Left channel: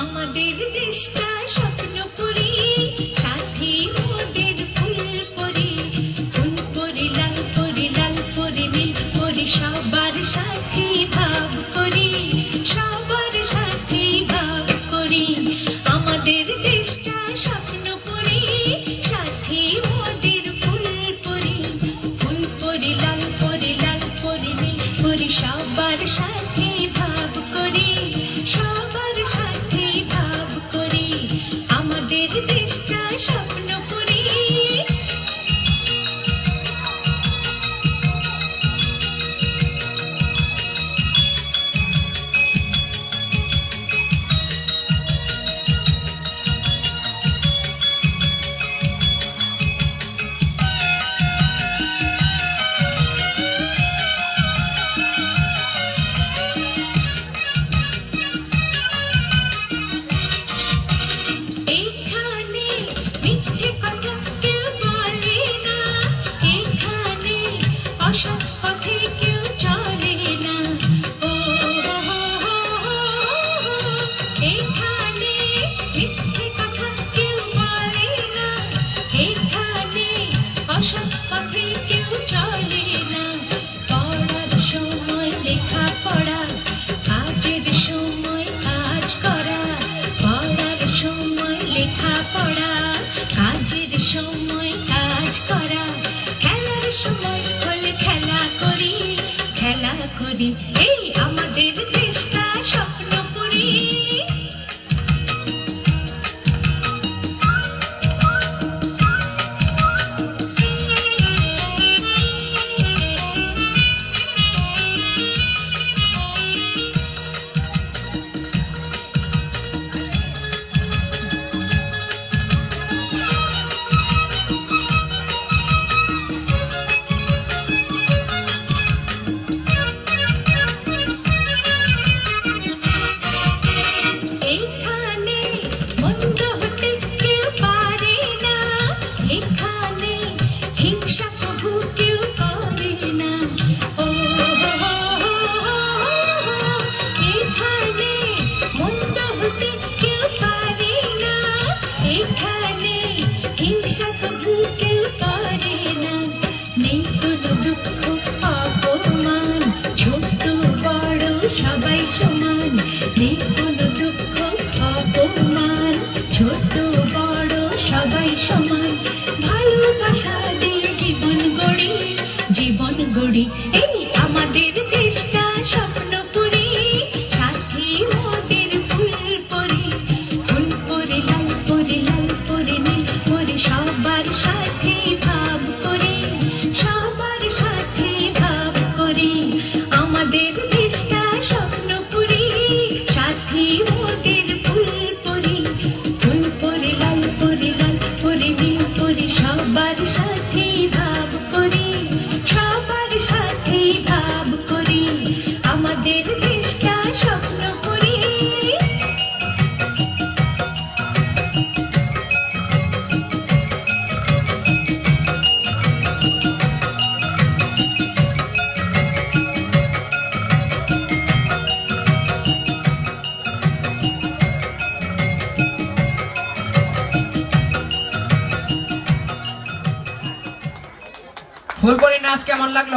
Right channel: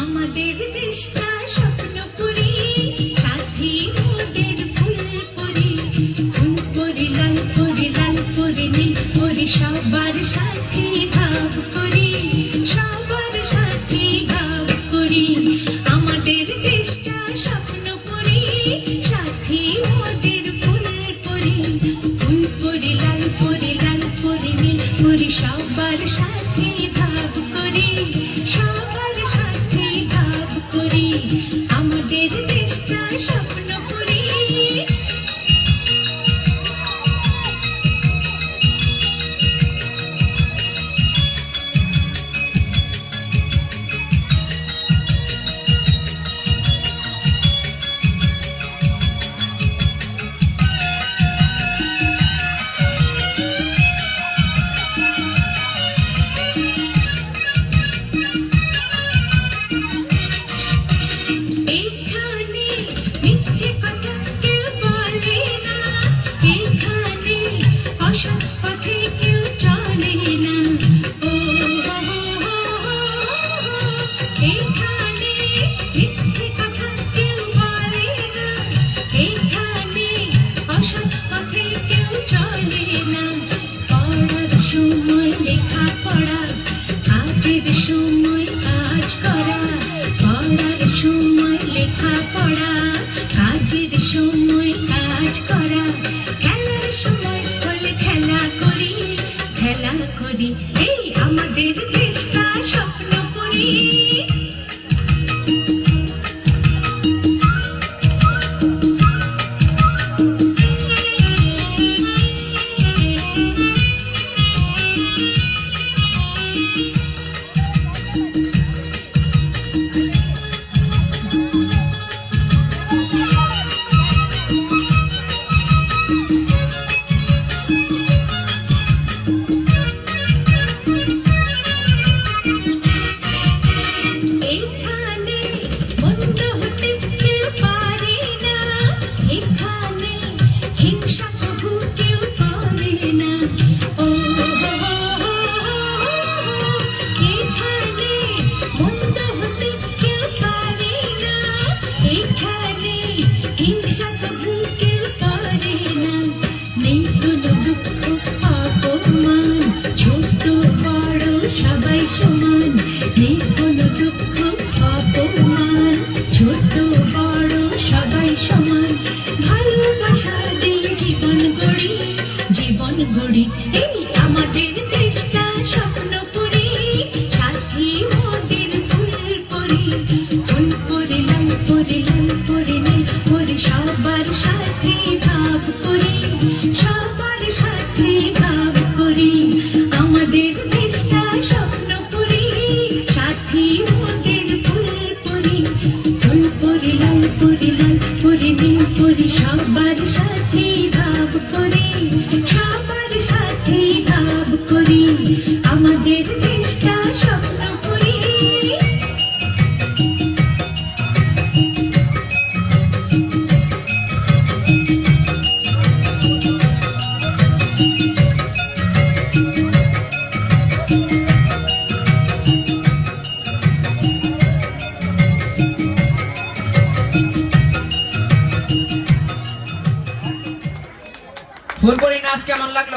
আমাদের দেশটা স্বপ্নপুরী সাথী মোদের ফুলপুরি ফুলপুরি লাল পরি লাল পরি পরি সাথী ভাব করি। সবার সাথী ভাব করি। আমাদের দেশটা স্বপ্নপুরী সবার সাথী ভাব করি সবার সাথে ভাব করি। আমাদের দেশটা স্বপ্নপুরী সময় লেখা পড়া কাজের সময় কাজ করা, পড়ার সময় লেখা পড়া কাজের সময় কাজ করা। খেলার সময় হলে খেলা করি খেলা করি, এই আমাদের দেশটা স্বপ্ন এই আমাদের দেশটা স্বপ্নপুরী ফুলপরি নাচ কেমন লাগল?